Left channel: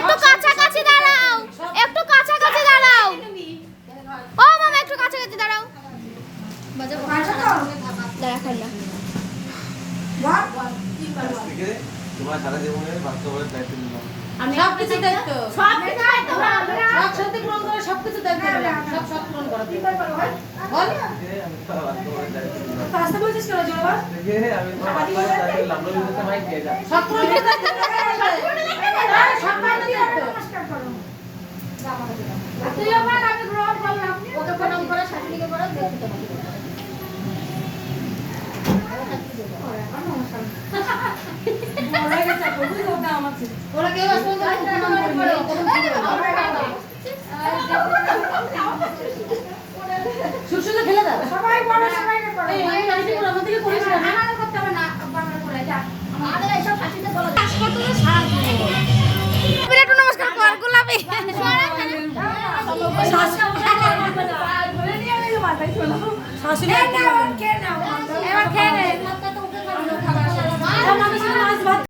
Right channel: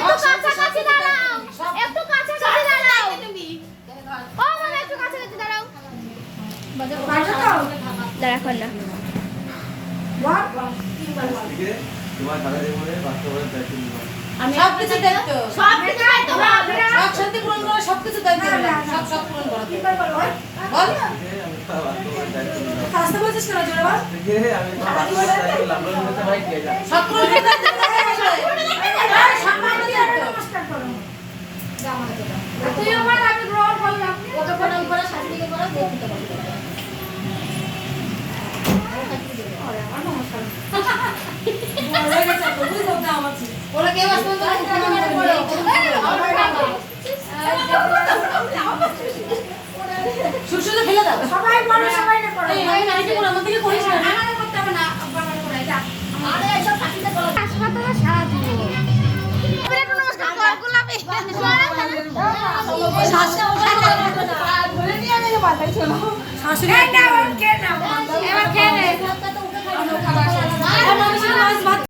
একটু কাছাকাছি দাঁড়াও, একটু কাছাকাছি দাঁড়াও। ও মামা একটু কাছাকাছি দাঁড়াও। দাঁড়া এখন না। তোমার দাদা জীবনে বাস্তবের দায়িত্ব নিলাম। আমি সবকিছু দায়িত্ব, সবকিছু দায়িত্ব সব সত্যি পূরণ করে সবকিছু দায়িত্ব নিলাম, সব পূরণ করা কি পারবো বল বল আমি তো বাস্তবের দায়িত্ব নিলাম। রাস্তা বলছিস কেন জোরে বল দেখে আমি তোমার বাস্তবের দায়িত্ব নিলাম। লোন দিতে ভাই দিয়ে যা। সব পূরণ করে দায়িত্ব নিলাম, সব পূরণ দিয়ে তো তুই আমার আমি গ্রহণ করলাম কত প্রণাম করে শাশুড়িকে বলা দেখতে পাবো ওরা কেউ আসবে সুশুতে ফেলে দাও সবাই বড় সবাই না করো এই নাইটি করে আমাদের করিস না না করতে হবে না আব্বা করে করে যা আমাদের এইসব ফাটিতে বলা হাসপাতালে সারা দিব বিরাট নমস্কার কর গোলাপি শাসা ওটা ধরে নিয়ে আমি মাথায় ছোড়ো শাশুড়ি না কে না